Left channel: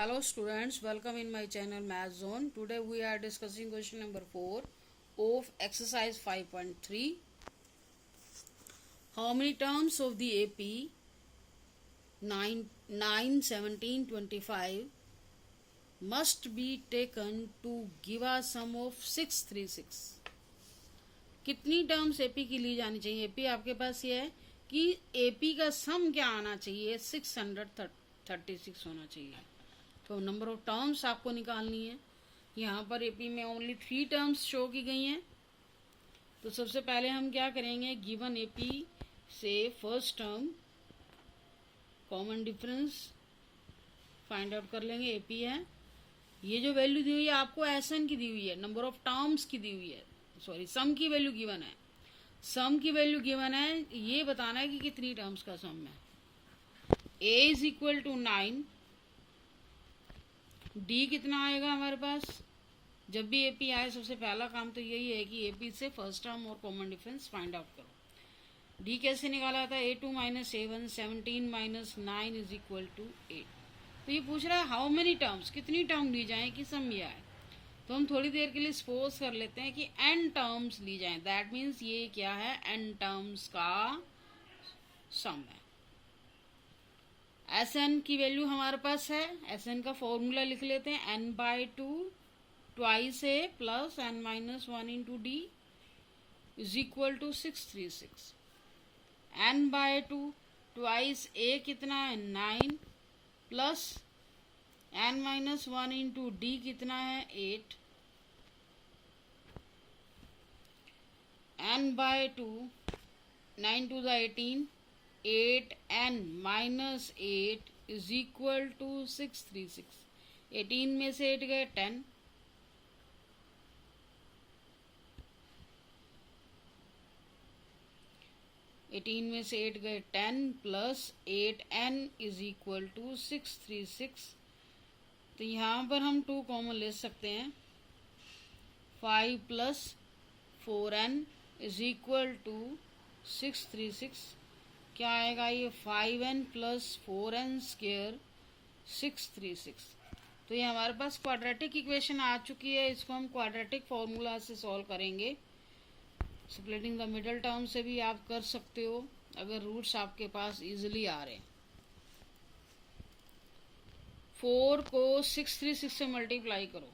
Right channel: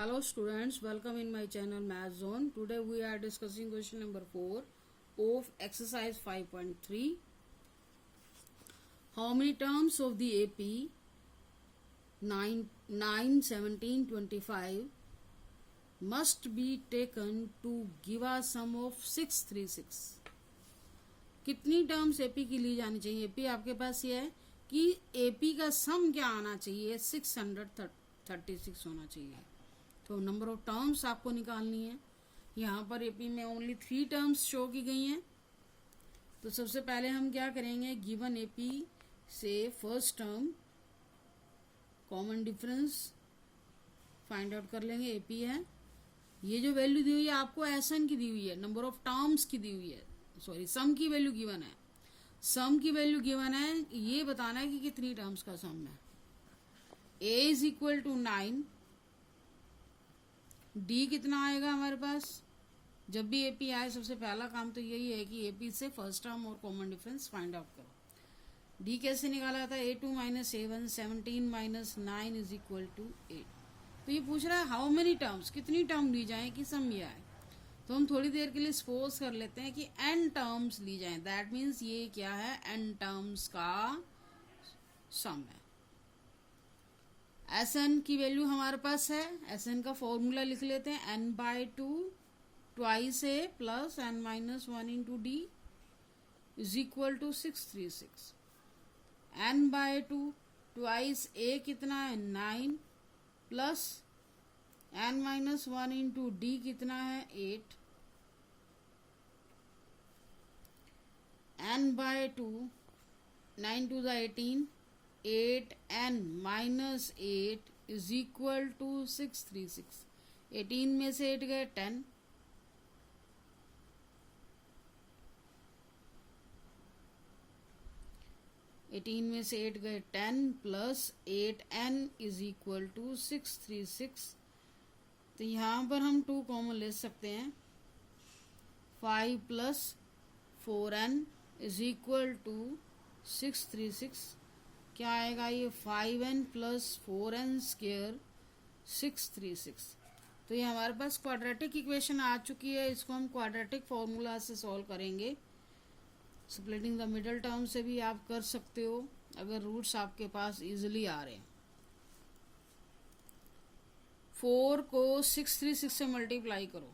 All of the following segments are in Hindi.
Hello students, welcome in my channel Math Zone. Today we are discussing question number 4 of exercise 5.3. How many terms of the AP 9, 17, 25 must be taken to give a sum of 636? कितनी टर्म्स एपी की ली जानी चाहिए? एपी आपके पास ये है कि एपी का सम क्या आना चाहिए? 636 होना चाहिए. तो नंबर ऑफ टर्म्स आपको निकालनी है. यहाँ पर एपी में ओनली 3 टर्म्स शो की गई हैं. तो सबसे पहले हम क्या करेंगे, गिवन एपी से first term common difference find out कर लेंगे. एपी है, ये जो वैल्यू दी हुई है आपको एसएन की दी हुई है, नंबर ऑफ टर्म्स की दी हुई है, सॉरी सम की वैल्यू गिवन है. सम की वैल्यू गिवन है, ये बताना है कि कितनी टर्म्स का सम है. ए इज इक्वल टू 9, डी कितना आएगा हमारे पास? जब भी एपी आए सबसे पहला काम तो यही है कि एपी से फर्स्ट टर्म और कॉमन डिफरेंस फाइंड आउट करो. डी कैसे निकाला था? A2 minus A1, 17 minus 9 is equal to 8. तो ये पूछ रहा है हाउ मेनी टर्म्स, कितनी टर्म ली जाए कि सम ये आए. तो हम थोड़ी देर के लिए सपोज कर लेते हैं कि n टर्म्स ली जाए. दैट मीन्स ये क्या है? n टर्म्स का सम है. Sn की वैल्यू हमारे पास है. Sn का फॉर्मूला लिख लेते हैं. n/2 twice a plus n minus 1 into D is equal to 636. n/2 twice a कितना है? 9 plus n minus 1 into D कितना है? 8. n/2 9 to the 18, 8n minus 8 is equal to 636. 18 में से 8 गए 10. में से 8 गए 10 plus 8n is equal to 636. तो यहाँ पर हम 2 कॉमन ले सकते हैं. 5 plus 4n is equal to 636. क्या आएगा ये? 5n plus 4n square 636. तो ये हमारे पास क्वाड्रेटिक इक्वेशन आ चुकी है. इसको हम क्वाड्रेटिक फॉर्मूला से सॉल्व करेंगे. स्प्लिटिंग द मिडल टर्म से भी आप कर सकते हो अगर रूट्स आपके पास इजीली आ रहे हैं. 4 को 636 से मल्टीप्लाई करो,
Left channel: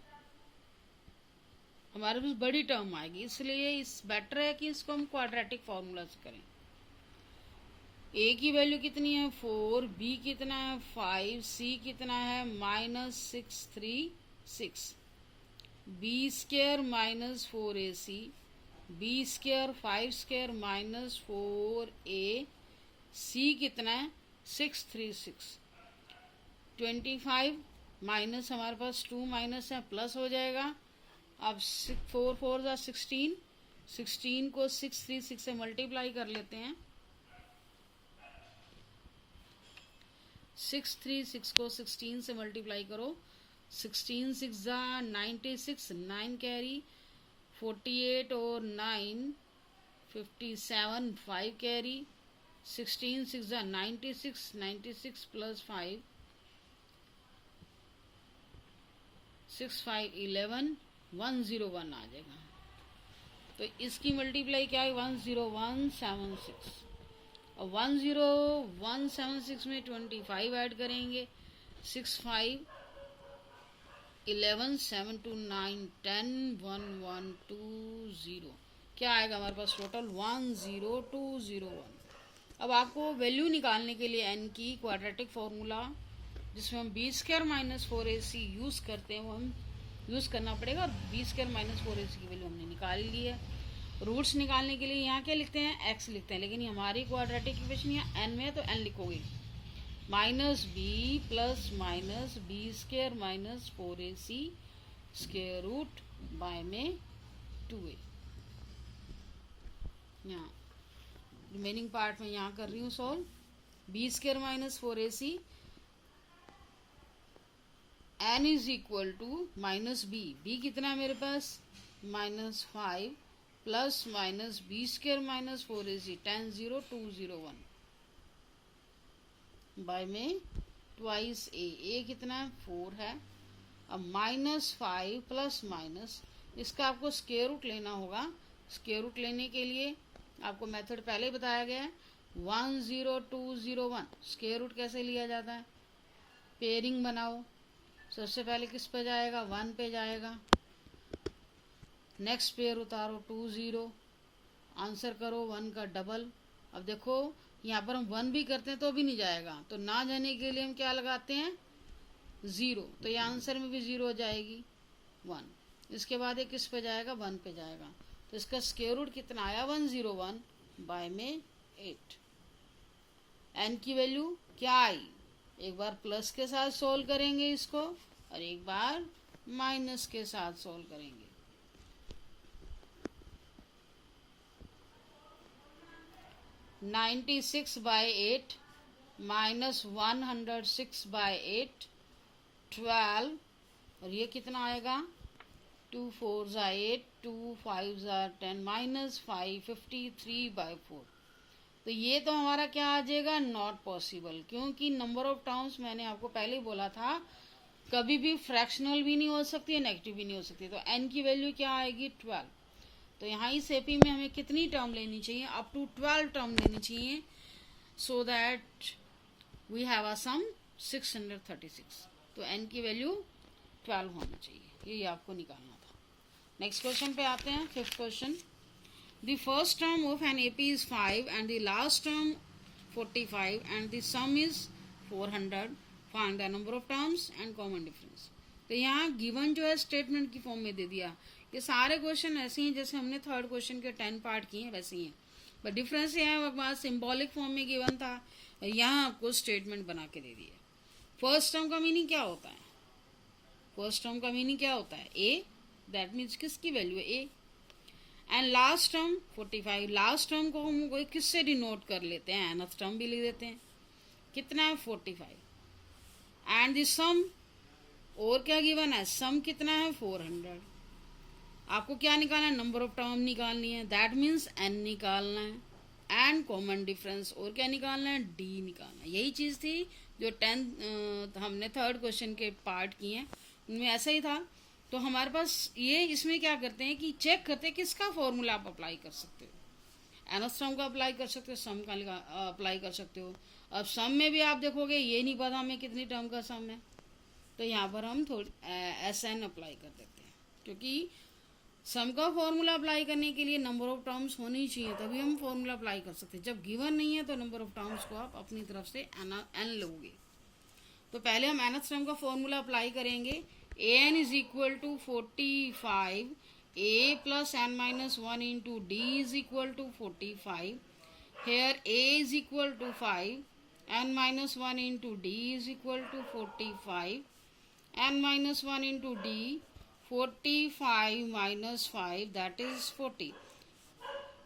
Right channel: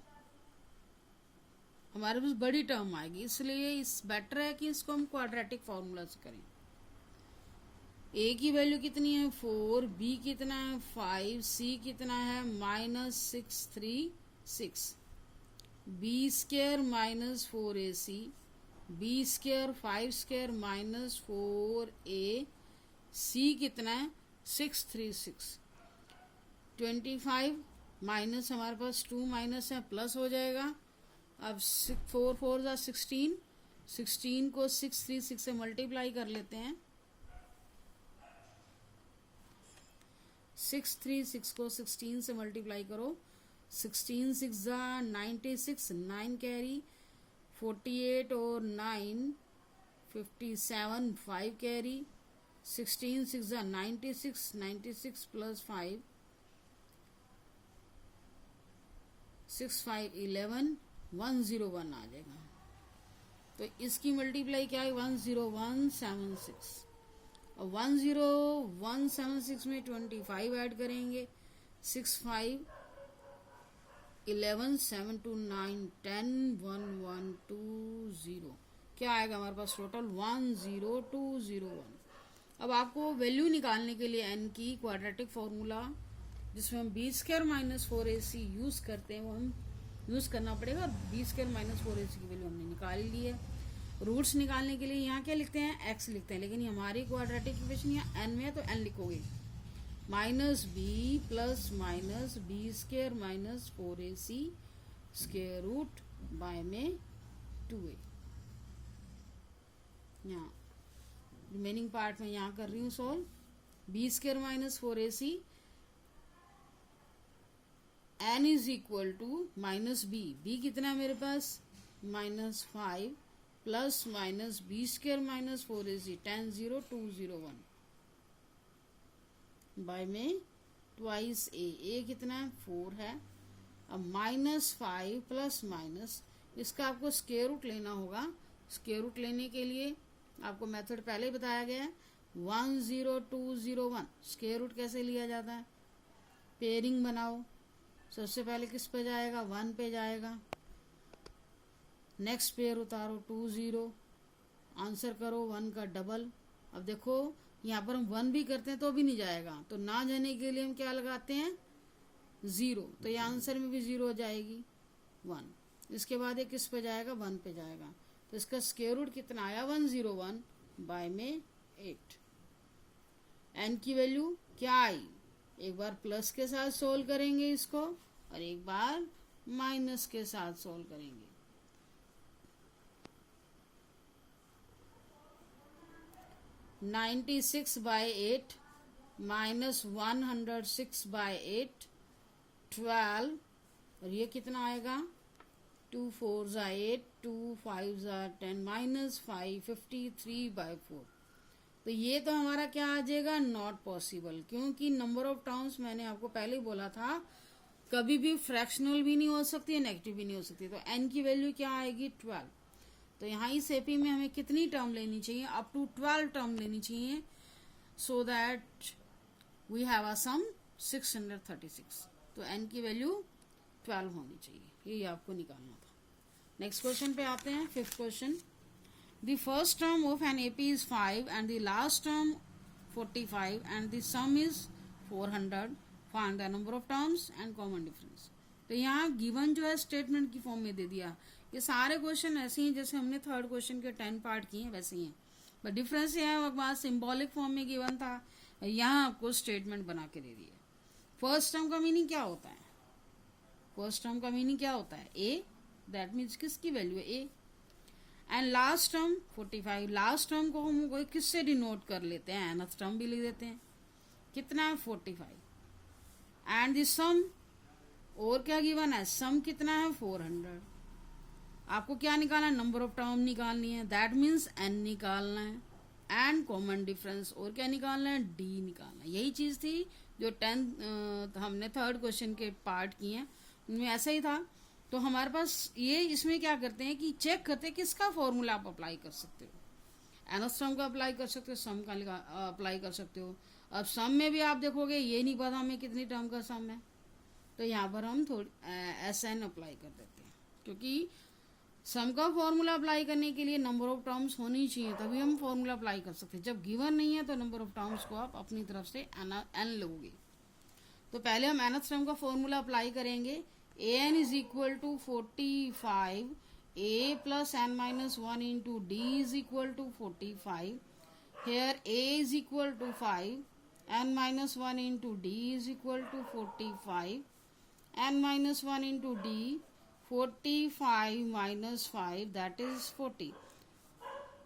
हमारे पास बड़ी टर्म आएगी. इसलिए इस बेटर है कि इसको हम क्वाड्रेटिक फॉर्मूला से करें. ए की वैल्यू कितनी है? 4. बी कितना है? 5. सी कितना है? Minus 636. B square minus 4ac, B square 5 square minus 4a. C कितना है? 636. 25 माइनस हमारे पास 2 माइनस है, प्लस हो जाएगा. अब 4 4 जा 16. 16 को 636 से मल्टीप्लाई कर लेते हैं. 636 को 16 से मल्टीप्लाई करो. 16 6 जा 96, 9 कैरी, 48 और 9 57, 5 कैरी. 16 6 जा 96, 96 प्लस 5 6 5 11, 101 आ जाएगा. तो इसकी मल्टीप्लाई क्या है? 10176. और 10176 में 25 ऐड करेंगे. 6 5 11 7 2 9 10 1 1 2 0. क्या आएगा हमारे पास टोटल? 10201. अब आपको वैल्यू निकालने के लिए n की क्वाड्रेटिक फॉर्मूला जिसमें हम B square minus 4ac use करते हैं वो हम यूज करना पड़ेगा. और बी स्क्वायर माइनस 4ac की वैल्यू हमने निकाल ली है. रूट्स निकालने के लिए यहाँ क्या लिखते हैं? x लिखते हैं. लेकिन हमारी क्वाड्रेटिक इक्वेशन यहाँ n में है तो n लिखोगे. Minus B plus minus B square minus 4ac square root by में 2a. यहाँ रिमेनिंग पार्ट में यहाँ कर रही हूँ solve. B square minus 4ac n is equal to minus B. B कितना है मेरे पास? Minus 5 plus minus B square minus 4ac 10 0 2 0 1 by में ट्वाइस ए कितना है 4 है। अब -5 प्लस माइनस, इसका आपको स्क्वायर रूट लेना होगा। स्क्वायर रूट लेने के लिए आपको मेथड पहले बताया गया है 10201। स्क्वायर रूट कैसे लिया जाता है, पेयरिंग बनाओ। सबसे पहले किस पे जाएगा, 1 पे जाएगा। नेक्स्ट पेयर उतारो 20, आंसर करो 1 का डबल। अब देखो यहाँ पर हम 1 भी करते हैं तो भी नहीं जाएगा, तो ना जाने के लिए हम क्या लगाते हैं 0, तो ये आंसर में भी 0 हो जाएगी 1। इसके बाद ये किस पे जाएगा, 1 पे जाएगा। तो इसका स्क्वायर रूट कितना आया 101 बाय में 8। एन की वैल्यू क्या आई, एक बार प्लस के साथ सोल्व करेंगे इसको और एक बार माइनस के साथ सोल्व करेंगे। 96 बाय 8 माइनस 106 बाय 8 12, और ये कितना आएगा 2 4 8 2 5 10 माइनस 5 53 बाय 4। तो ये तो हमारा क्या आ जाएगा, नॉट पॉसिबल, क्योंकि नंबर ऑफ टर्म्स मैंने आपको पहले ही बोला था कभी भी फ्रैक्शनल भी नहीं हो सकती है, नेगेटिव भी नहीं हो सकती। तो n की वैल्यू क्या आएगी 12। तो यहाँ इस एपी में हमें कितनी टर्म लेनी चाहिए, अप टू 12 टर्म लेनी चाहिए, so that we have a sum 636। तो n की वैल्यू 12 होनी चाहिए, ये आपको निकालना था। नेक्स्ट क्वेश्चन पे आते हैं, 5th question. The first term of an AP is 5 and the last term 45 and the some is 400, find the number of terms and common difference. तो यहाँ गिवन जो है स्टेटमेंट की फॉर्म में दे दिया। ये सारे क्वेश्चन ऐसे ही जैसे हमने 3rd क्वेश्चन के 10 पार्ट किए हैं वैसे ही हैं, बट डिफरेंस यहाँ है वहाँ सिंबॉलिक फॉर्म में गिवन था, यहाँ आपको स्टेटमेंट बना के दे दिया। फर्स्ट टर्म का मीनिंग क्या होता है, फर्स्ट टर्म का मीनिंग क्या होता है ए, दैट मीन्स किसकी वैल्यू है A. And last term 45, last term को हम किससे डिनोट कर लेते हैं, nth टर्म भी लिख देते हैं, कितना है 45। एंड द सम, और क्या गिवन है, सम कितना है 400। आपको क्या निकालना है, नंबर ऑफ टर्म निकालनी है, दैट मीन्स n निकालना है। एंड कॉमन डिफरेंस, और क्या निकालना है, d निकालना है। यही चीज थी जो 10 हमने 3rd क्वेश्चन के पार्ट किए हैं उनमें ऐसा ही था। तो हमारे पास ये इसमें क्या करते हैं कि चेक करते हैं किसका फॉर्मूला आप अप्लाई कर सकते हो, nth टर्म का अप्लाई कर सकते हो, सम का अप्लाई कर सकते हो। अब सम में भी आप देखोगे ये नहीं पता हमें कितनी टर्म का सम है, तो यहाँ पर हम थोड़ी SN अप्लाई कर देते हैं, क्योंकि सम का फॉर्मूला अप्लाई करने के लिए नंबर ऑफ टर्म्स होनी चाहिए, तभी हम फॉर्मूला अप्लाई कर सकते हैं। जब गिवन नहीं है तो नंबर ऑफ टर्म्स को आप अपनी तरफ से n लोगे। तो पहले हम nth टर्म का फॉर्मूला अप्लाई करेंगे। an is equal to 45, a plus n minus 1 into d is equal to 45। Here a is equal to 5, n minus 1 into d is equal to 45, n minus 1 into d 45 minus 5 that is 40।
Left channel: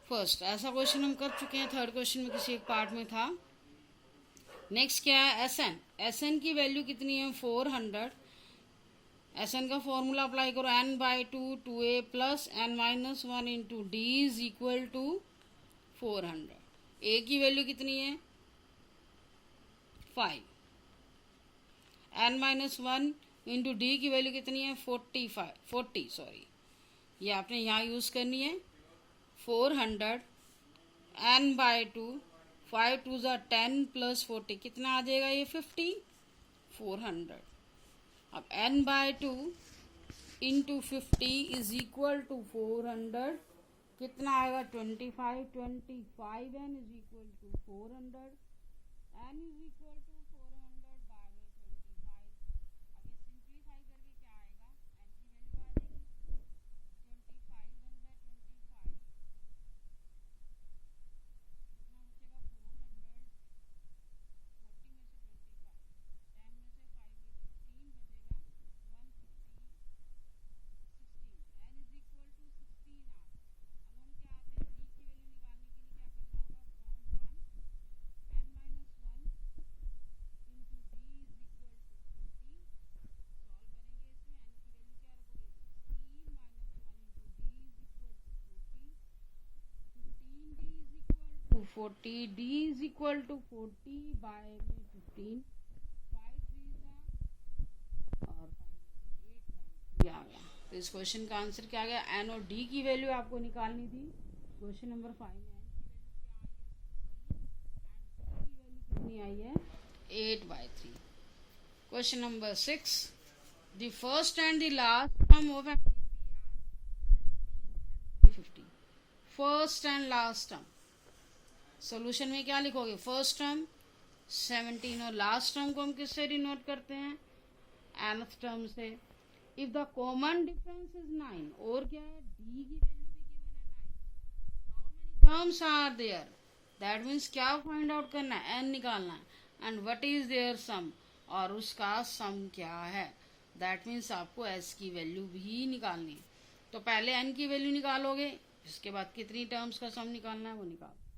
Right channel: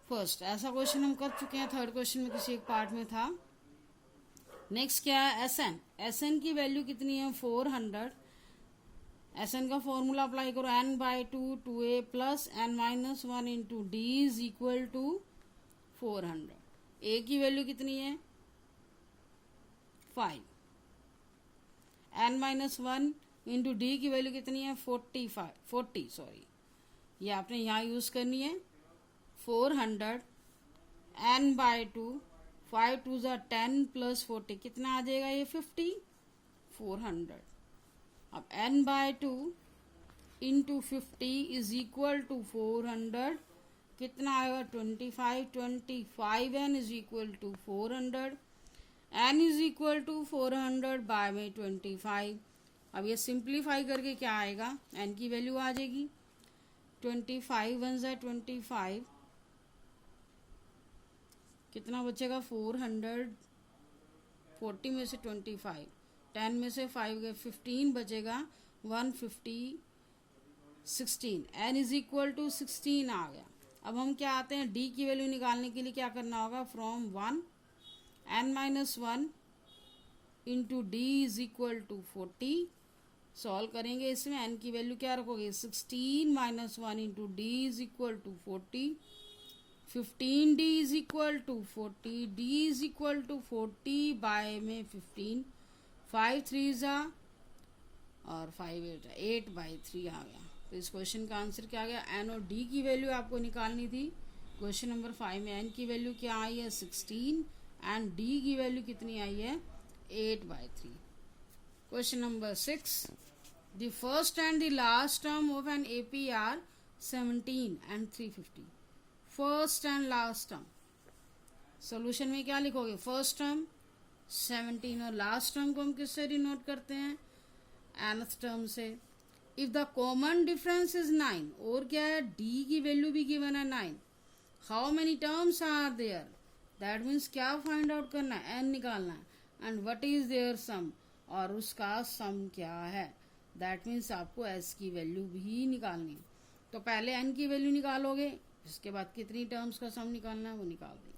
First ऐसा क्वेश्चन हम कर चुके हैं, 3rd क्वेश्चन में किसी एक पार्ट में था। नेक्स्ट क्या है SN, SN की वैल्यू कितनी है 400। SN का फॉर्मूला अप्लाई करो, n by 2 2a plus n minus 1 into D is equal to 400। a की वैल्यू कितनी है 5, n माइनस 1 इंटू डी की वैल्यू कितनी है 40 सॉरी, ये आपने यहाँ यूज करनी है 400, n बाई 2 5 2 ज़ा 10 प्लस 40 कितना आ जाएगा ये 50, 400। अब n by 2 into 50 is equal to 400, कितना आएगा 25 n is equal to 400, n is equal to 400 by में 25। अब ये सिंप्लीफाई करके क्या आएगा, n की वैल्यू आ जाएगी 25 1 ज़ा 25, कितना बचेगा 400, 40 में से 25, 10 में से 5 गए 15 बचेगा 150, 16, n इज इक्वल टू 16 आ गया। अब हम क्या आते हैं d की वैल्यू निकालने के लिए क्या करना होगा, from 1 n minus 1 into D is equal to 40 solve करेंगे। इसमें n की वैल्यू क्या रखोगे 16 minus 1 into D is equal to 40, 15d is equal to 40, d is equal to 40 by में 15, 5 3 ज़ा और 5 8 8/3 आ गया। तो इस क्वेश्चन का आंसर क्या आ गया? एन और डी की वैल्यू आपको निकालनी थी। क्वेश्चन नंबर 5 में एन की वैल्यू क्या आई है? 16 एंड डी की वैल्यू कितनी आई है? 8/3। Question number 6, the first and the last term of an AP are 17 and 350। First and last term, solution में क्या लिखोगे? फर्स्ट टर्म 17 और लास्ट टर्म को हम किससे डिनोट करते हैं? nth टर्म से। If the common difference is 9, और क्या है? डी की वैल्यू भी गिवन है 9। How many terms are there? That means क्या फाइंड आउट करना है? एन निकालना है। And what is their sum, और उसका सम क्या है? दैट मीन्स आपको एस की वैल्यू भी निकालनी है। तो पहले एन की वैल्यू निकालोगे, इसके बाद कितनी टर्म्स का सम निकालना है वो निकाल देंगे।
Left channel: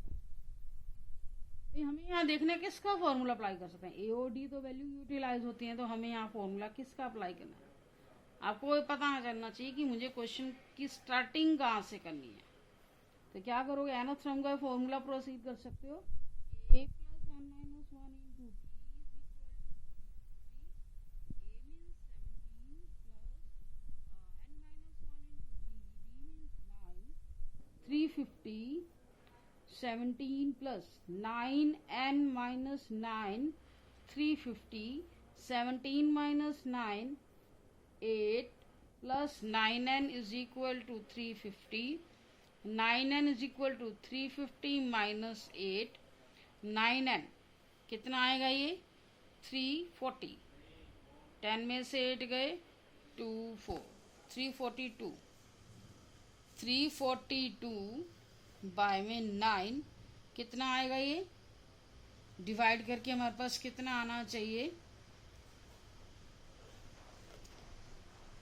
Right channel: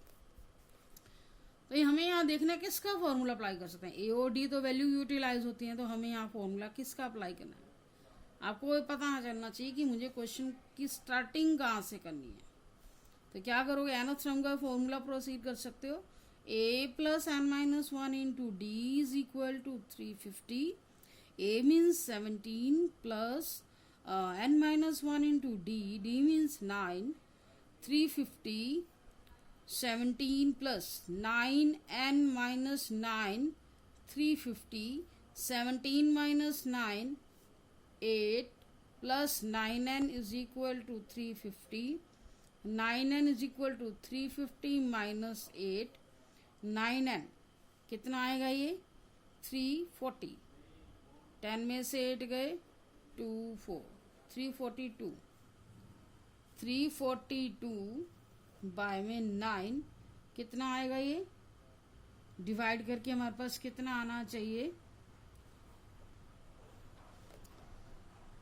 तो हमें यहाँ देखना है किसका फॉर्मूला अप्लाई कर सकते हैं। ए और डी तो वैल्यू यूटिलाइज होती है, तो हमें यहाँ फॉर्मूला किसका अप्लाई करना है? आपको पता चलना चाहिए कि मुझे क्वेश्चन की स्टार्टिंग कहाँ से करनी है। तो क्या करोगे? nth टर्म का फॉर्मूला प्रोसीड कर सकते हो। a plus N minus 1 into D is equal to 350। a means 17 plus n minus 1 into D means 9, 350 17 plus 9n minus 9, 350, 17 minus 9, 8 plus 9n is equal to 350, 9n is equal to 350 minus 8, 9n कितना आएगा ये? 340, 10 में से 8 गए 2 4, 342, 342 बाय में 9 कितना आएगा? ये डिवाइड करके हमारे पास कितना आना चाहिए?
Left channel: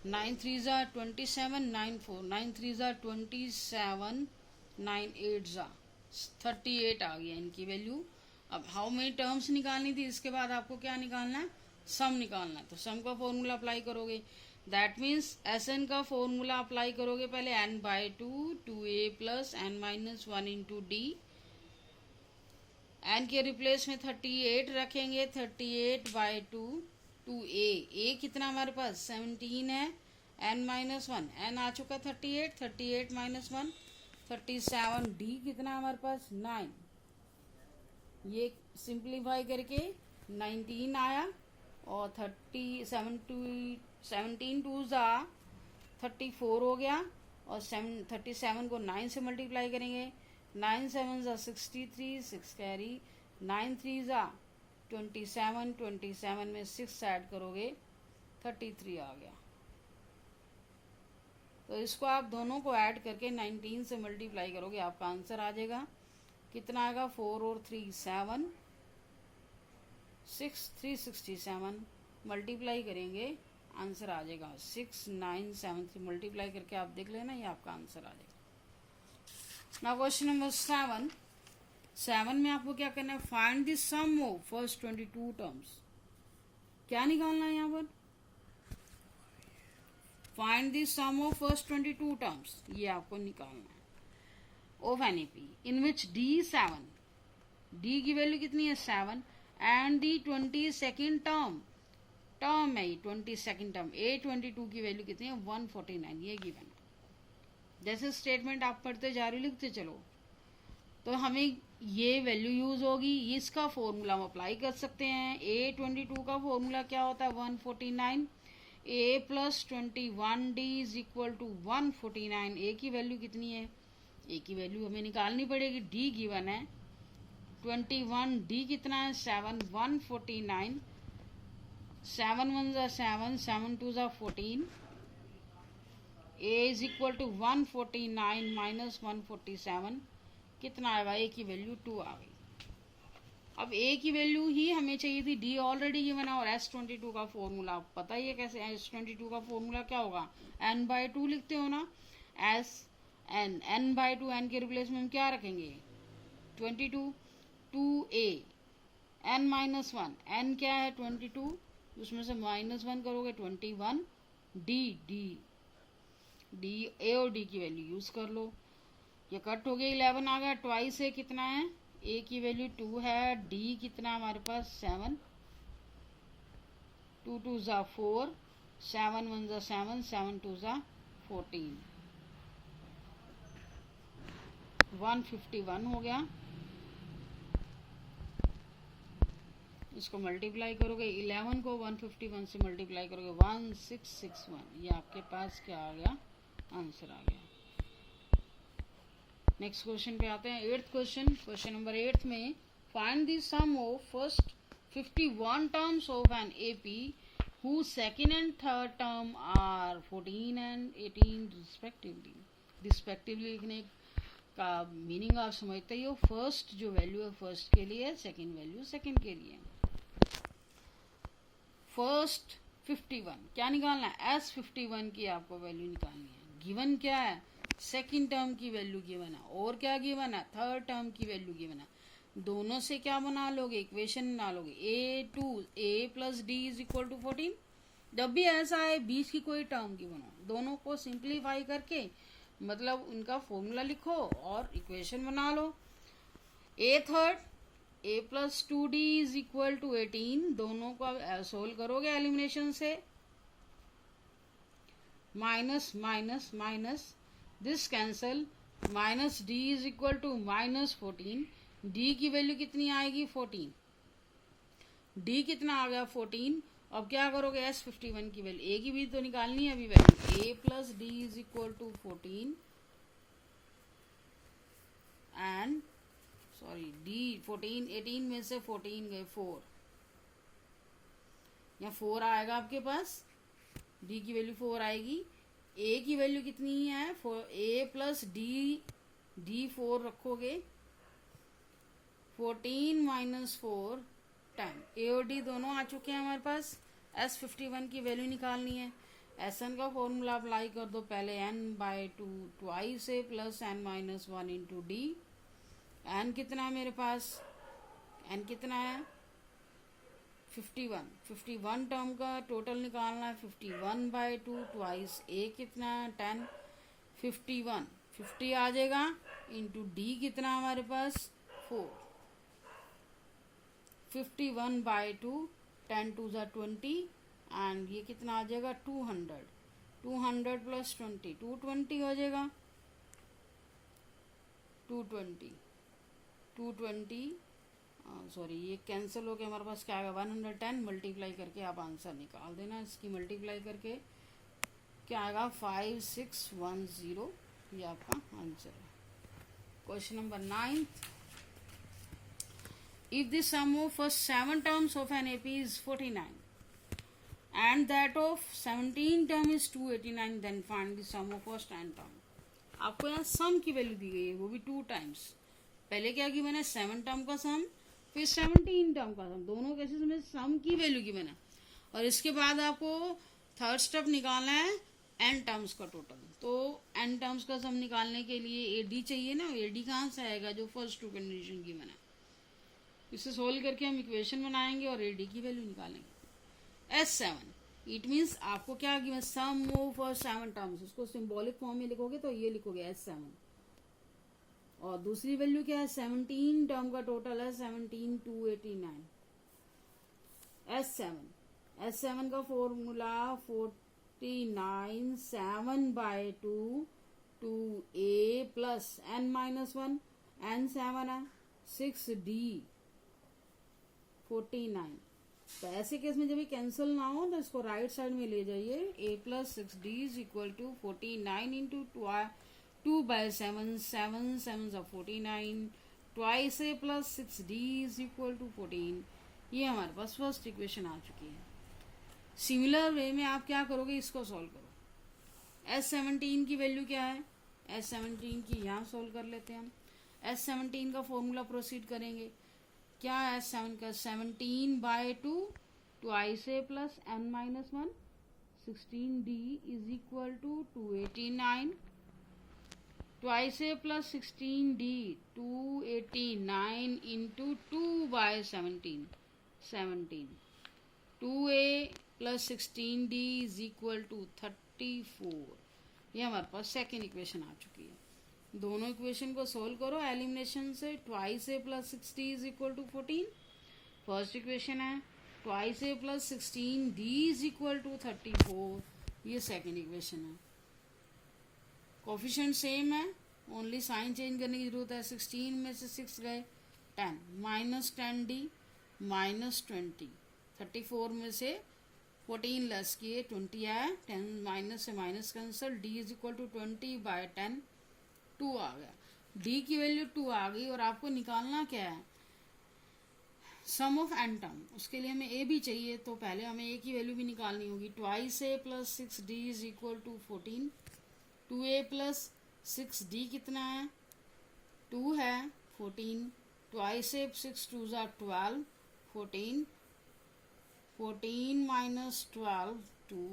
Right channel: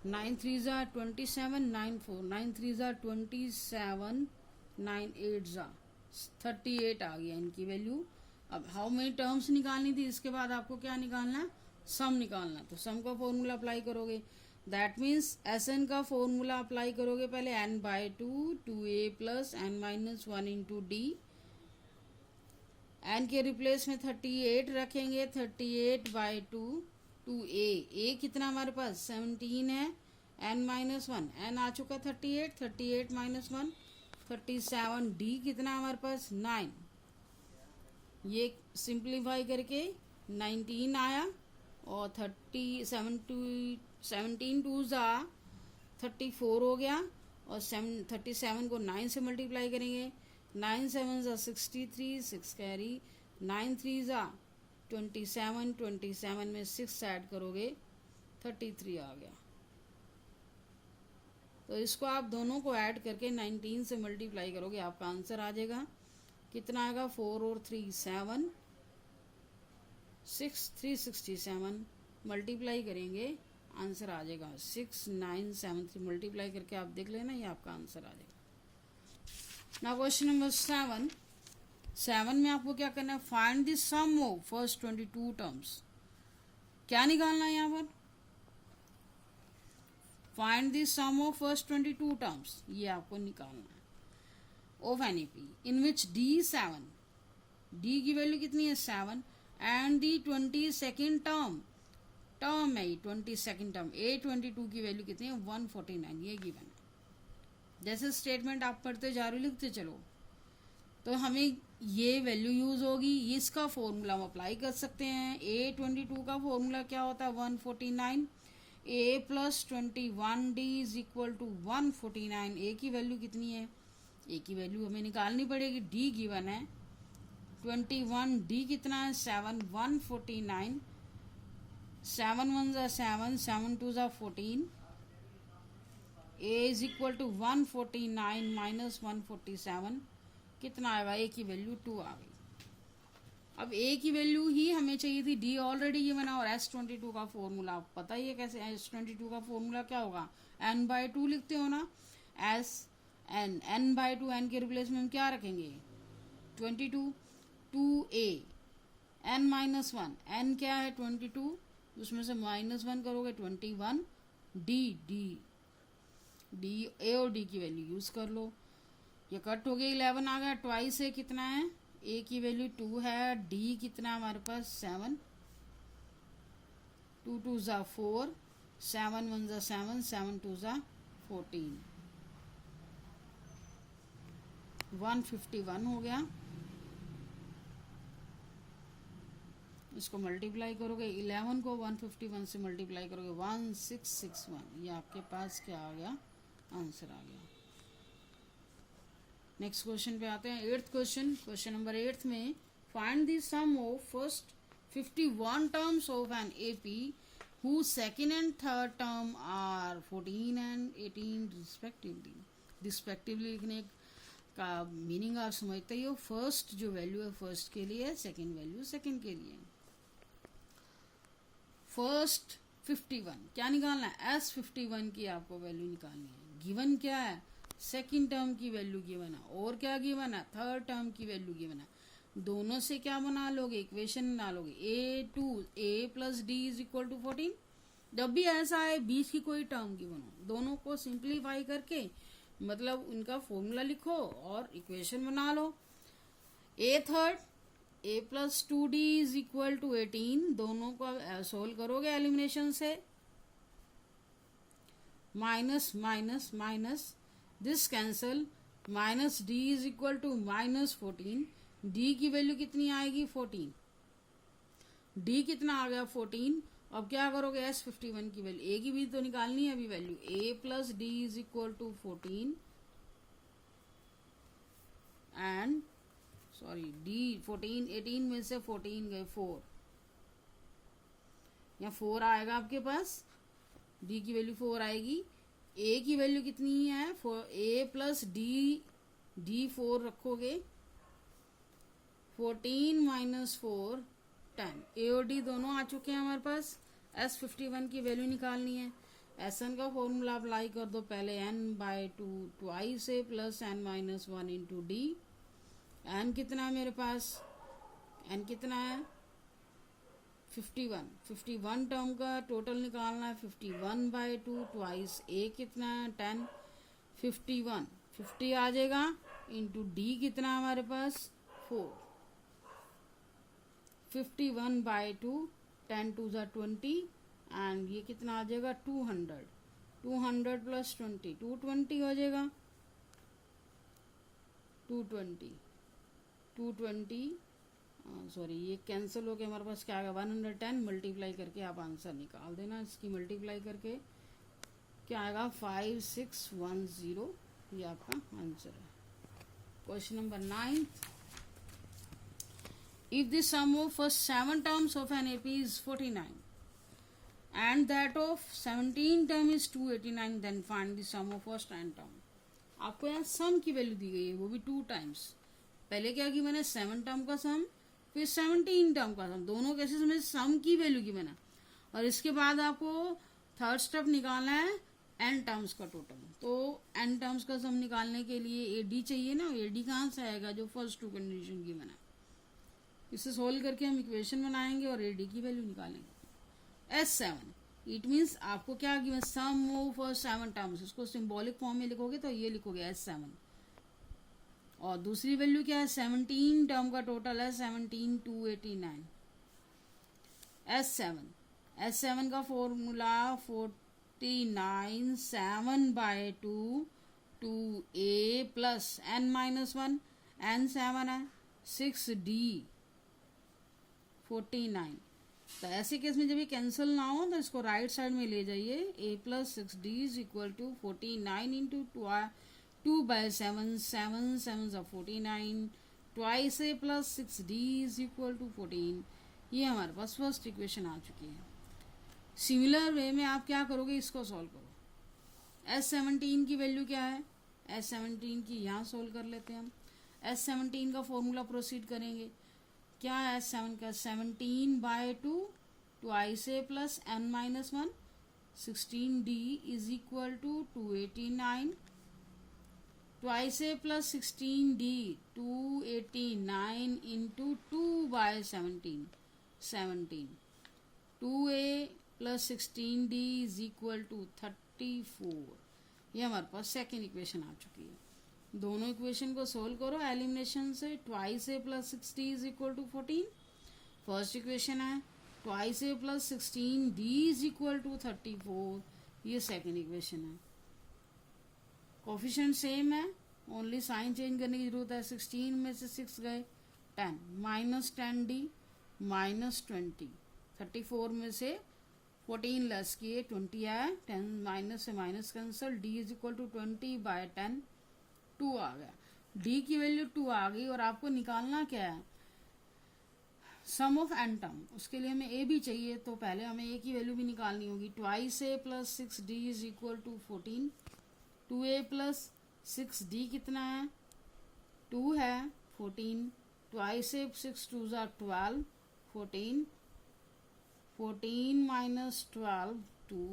9 3 ज़ा 27, 9 4, 9 3 ज़ा 27, 9 8 ज़ा 38 आ गया इनकी वैल्यू। अब हाउ मेनी टर्म्स निकालनी थी, इसके बाद आपको क्या निकालना है? सम निकालना है। तो सम का फॉर्मूला अप्लाई करोगे, दैट मीन्स एस एन का फॉर्मूला अप्लाई करोगे पहले n/2 2a plus n minus 1 into D. N के रिप्लेस में 38 रखेंगे, 38/2 2a कितना हमारे पास? 17 है, n माइनस 1, n आ चुका है 38, 38 माइनस 1 37, डी कितना हमारे पास? 9। ये सिंप्लीफाई करके 19 आया और 17 2 ज़ा 34 हो गया, और 37 को 9 से मल्टीप्लाई करेंगे, 9 7 ज़ा 63, 6 कैरी, 9 3 ज़ा 27, 27 में 6 ऐड करोगे 33 आ गया। तो इसको आप दोनों को ऐड करके 19 से मल्टीप्लाई करोगे, आपका आंसर आ जाएगा। कितना आएगा? 4 और 3 7, 6 367 मल्टीप्लाई करेंगे, आंसर आ जाएगा 6973। मल्टीप्लाई करके आप देख लेना, ये आपका आंसर आ जाएगा। नाउ क्वेश्चन नंबर 7 में आपको क्या करना है? Find the sum of first 22 terms. क्या निकालना है यहाँ पर? Find the sum of first 22 terms, ये आपको निकालना है। Of an AP in which D 7, D की वैल्यू कितनी है? 7, एंड दी 22nd टर्म है, 22nd टर्म A22 की वैल्यू कितनी है? 149, ये गिवन है। जैसे स्टेटमेंट आप पढ़ते जा रहे लिखते चलो, तो हमें ये वैल्यू यूज होगी, इसका फॉर्मूला हम अप्लाई कर सकते हैं। A22 का फॉर्मूला क्या होता है? 149, A plus 21 D is equal to 149। A की वैल्यू कितनी है? ए की वैल्यू हमें निकालनी पड़ेगी, डी गिवन है 21, डी कितना है? 7, 149, 7 1 ज़ा 7, 7 2 ज़ा 14, ए इज इक्वल टू 149 माइनस 147, कितना आएगा? ए की वैल्यू 2 आ गई। अब ए की वैल्यू ही हमें चाहिए थी, डी ऑलरेडी गिवन है, और S22 का फॉर्मूला आप पता ही है कैसे। S22 का फॉर्मूला क्या होगा? n/2 लिखते हो ना, n/2, n के रिप्लेस में हम क्या रखेंगे? 22, 2a, n माइनस 1, n क्या है? 22, उसमें से -1 करोगे 21, डी ए और डी की वैल्यू यूज कर लो। ये कट हो गया, 11 आ गया, ट्वाइस ए कितना है? ए की वैल्यू 2 है, डी कितना हमारे पास? 7, 2 2 ज़ा 4, 7 1 ज़ा 7, 7 2 ज़ा 14, 151 हो गया। इसको मल्टीप्लाई करोगे, 11 को 151 से मल्टीप्लाई करोगे 1661, ये आपके पास क्या आ गया, आंसर आ गया। नेक्स्ट क्वेश्चन पे आते हैं, 8th क्वेश्चन। क्वेश्चन नंबर 8 में find the sum of first 51 terms of an AP whose second and third term are 14 and 18 respectively लिखने का मीनिंग आप समझते ही हो। फर्स्ट जो वैल्यू है फर्स्ट के लिए, सेकंड वैल्यू सेकंड के लिए। फर्स्ट 51 क्या निकालना है, S51 की आपको वैल्यू निकालनी है। गिवन क्या है, सेकंड टर्म की वैल्यू गिवन है, और क्या गिवन है, थर्ड टर्म की वैल्यू गिवन है। दोनों से क्या बना लोगे, इक्वेशन बना लोगे, A plus D is equal to 14। जब भी ऐसा है बीच की कोई टर्म की बनाओ, दोनों को सिंप्लीफाई करके मतलब उनका फॉर्मूला लिखो और इक्वेशन बना लो। A third, A plus 2D is equal to 18, दोनों को सोल्व करोगे एलिमिनेशन से, minus minus minus, this cancel, minus D is equal to minus 14, D की वैल्यू कितनी आएगी 14, D कितना आ गया 14। अब क्या करोगे, S51 की वैल्यू, A की भी तो निकालनी है अभी value, A plus D is equal to 14 and sorry D 14, 18 में से 14 गए 4, या 4 आएगा आपके पास, D की वैल्यू 4 आएगी। A की वैल्यू कितनी है, A प्लस D 4 रखोगे, 14 माइनस 4 10, A और D दोनों आ चुके हैं हमारे पास। S51 की वैल्यू निकालनी है। Sn का फॉर्मूला अप्लाई कर दो, पहले n/2 twice A plus n minus 1 into D। n कितना है मेरे पास, n कितना है 51 टर्म का टोटल निकालना है, 51/2 ट्वाइस A कितना 10, 50 आ जाएगा इंटू D कितना है हमारे पास 4, 51/2, 10 2 ज़ा 20 एंड ये कितना आ जाएगा 200 प्लस 20 220 हो जाएगा, 220 सॉरी ये कैंसिल हो के हमारे पास क्या आएगा 110, मल्टीप्लाई करके आप आंसर निकाल देना। इसकी मल्टीप्लाई करके क्या आएगा 5610, ये आपका आंसर है। Question number 9th, if the sum of first 7 terms of an AP is 49 and that of 17 term is 289, then find the sum of first 10 term। आपको यहाँ सम की वैल्यू दी गई है, वो भी 2 टाइम्स। पहले क्या गिवन है 7 टर्म का सम, फिर 17 टर्म का सम, दोनों केसेस में सम की वैल्यू गिवन है। और इसके बाद आपको थर्ड स्टेप निकालना है n टर्म्स का टोटल। तो n टर्म्स का सम निकालने के लिए AD चाहिए ना, AD कहाँ से आएगा, जो फर्स्ट 2 कंडीशन गिवन है। इसे सोल्व करके हम इक्वेशन बनाएंगे और AD की वैल्यू निकालेंगे। S7 इट मीन्स आपको क्या गिवन, सम ऑफ 7 टर्म्स, इसको सिंबॉलिक फॉर्म में लिखोगे तो ये लिखोगे S7। और दूसरी वैल्यू क्या है 17 टर्म का टोटल है 17 289। S7 का formula 49 7/2 2A plus n minus 1, n 7 है, 6D 49। तो ऐसे केस में जब ये कैंसिल ना हो तो इसको राइट साइड में ले जाइए, A plus 6D is equal to 49 into 2/7, 7 7 49, twice A plus 6D is equal to 14। ये हमारे पास फर्स्ट इक्वेशन आ चुकी है। सिमिलर वे में आप क्या करोगे, इसको सॉल्व करो। S17 की वैल्यू क्या है, S17 की यहाँ सॉल्व कर लेते हैं हम। S17 का फॉर्मूला प्रोसीड करेंगे, क्या है S7 का 17/2 twice A plus n minus 1, 16D is equal to 289, twice A plus 16D 289 into 2/17, 2A plus 16D is equal to 34। ये हमारे पास सेकेंड इक्वेशन आ चुकी है। दोनों इक्वेशन को सोल्व करो एलिमिनेशन से, twice A plus 6D is equal to 14 first equation है, twice A plus 16 D is equal to 34, ये सेकेंड इक्वेशन है। कोफिशिएंट सेम है, ओनली साइन चेंज करने की जरूरत है। 16 में से 6 गए 10, माइनस 10 डी माइनस 20, 34 में से 14 लेस किए 20 आया, 10 माइनस से minus cancel, D is equal to 20/10, 2 आ गया। डी की वैल्यू 2 आ गई और आपको निकालना क्या है, सम ऑफ एन टर्म। उसके लिए हमें ए भी चाहिए, तो पहले हमें ए की वैल्यू भी निकालनी होगी। Twice A plus 6 D is equal to 14, 2a plus 6 D कितना है, 2 है, 14, twice A 6 2 12, 14, 14 minus 12 2,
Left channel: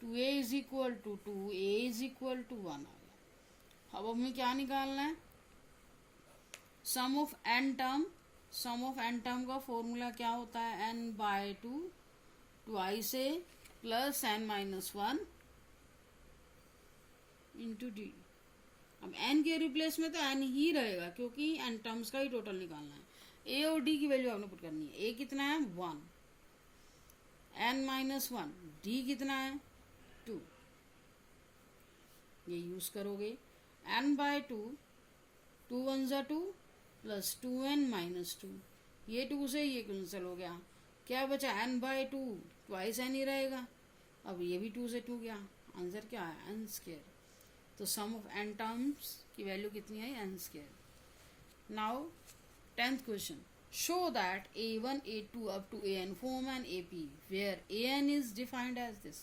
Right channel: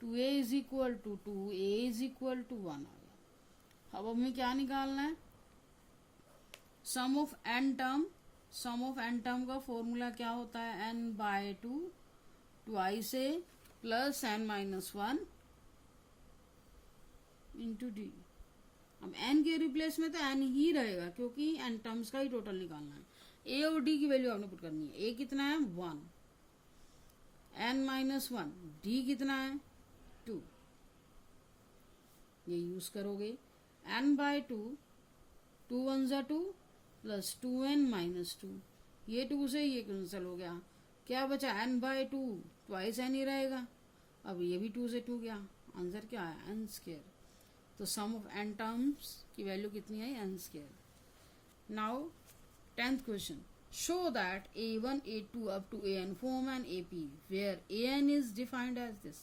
2a is equal to 2, a is equal to 1 आ गया। अब हमें क्या निकालना है, sum of N term. Sum of N term का फॉर्मूला क्या होता है, n/2 twice A plus n-1 into D. अब n के रिप्लेस में तो n ही रहेगा, क्योंकि n टर्म्स का ही टोटल निकालना है। a और d की वैल्यू आपने पुट करनी है। a कितना है 1, n-1, d कितना है 2, ये यूज करोगे। n/2, 2 1 जा 2 प्लस 2n-2, ये 2 से ये कैंसिल हो गया, क्या बचा n/2, ट्वाइस n ही रहेगा। अब ये भी 2 से 2 गया, आंसर क्या है n²। तो सम ऑफ n टर्म्स की वैल्यू कितनी है n²। Now 10th question, show that a1 a2 up to an form an AP where an is defined as this।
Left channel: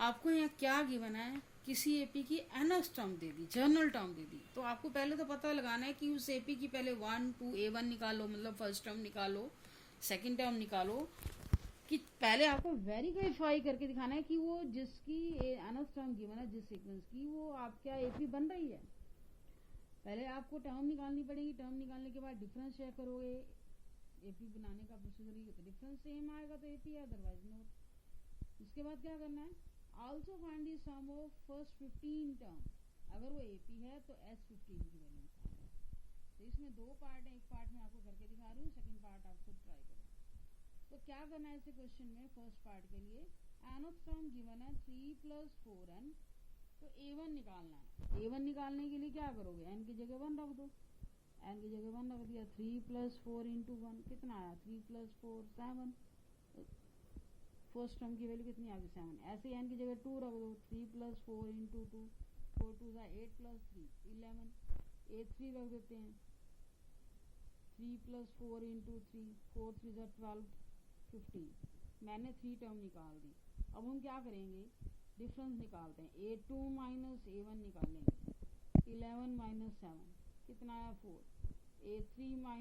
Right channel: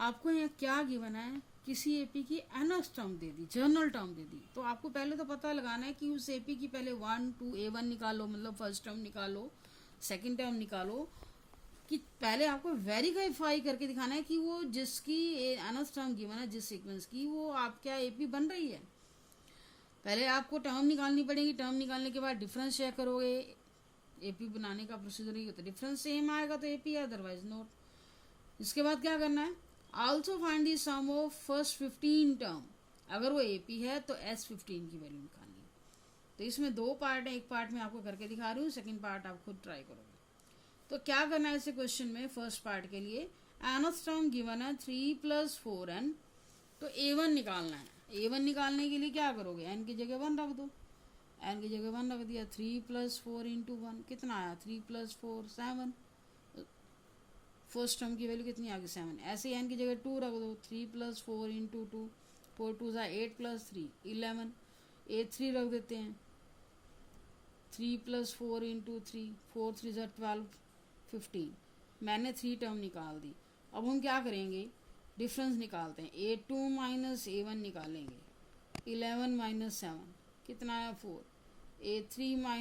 आपको यहाँ क्या गिवन है, किसी एपी की nth टर्म दे दी, जर्नल टर्म दे दी, तो आपको पहले तो पता लगाना है कि उस एपी की पहले 1 2 a1 निकालो, मतलब फर्स्ट टर्म निकालो, सेकंड टर्म निकालो, कि पहले आपको वेरीफाई करके दिखाना है कि वो जिसकी nth टर्म गिवन है, जिस सीक्वेंस की, वो आपका एपी बन रही है। पहले आपको टर्म निकालनी पड़ेगी, टर्म निकालने के बाद डिफरेंस चेक करोगे। एपी बनाने का प्रोसीजर ही होता है, डिफरेंस सेम आएगा तो एपी है, अदरवाइज नोट। इसके बाद क्या करना है, also find the sum of first 15 term. अगर वो एपी है तो S15 की वैल्यू निकालनी है। तो इसमें 2 पार्ट है, एक पार्ट में आपको करके दिखा रही हूँ, सेकंड पार्ट आप खुद ट्राई करोगे। तो क्या करना है इसे क्वेश्चन में, फर्स्ट पार्ट के लिए nth टर्म गिवन है 3 + 4n, तो a1 निकालना है। a1 निकालने के लिए क्या करोगे, n की जगह 1 रख दो, n की जगह 1 रख दिया, 3 + 4 × 1 कितना आया, 3 + 4 7, फर्स्ट टर्म की वैल्यू कितनी आ गई 7। ऐसे ही n की जगह 2 रख दो, 3 + 4 × 2, 4 2 8 + 3 11, a3 रख देते हैं, 3 + 4 × 3, 4 3 12 15। मैंने 3 टर्म निकाल दी। अब हम क्या करेंगे, डिफरेंस निकालते हैं, a2 - a1 निकालेंगे, 11 - 7 कितना आया 4, a3 -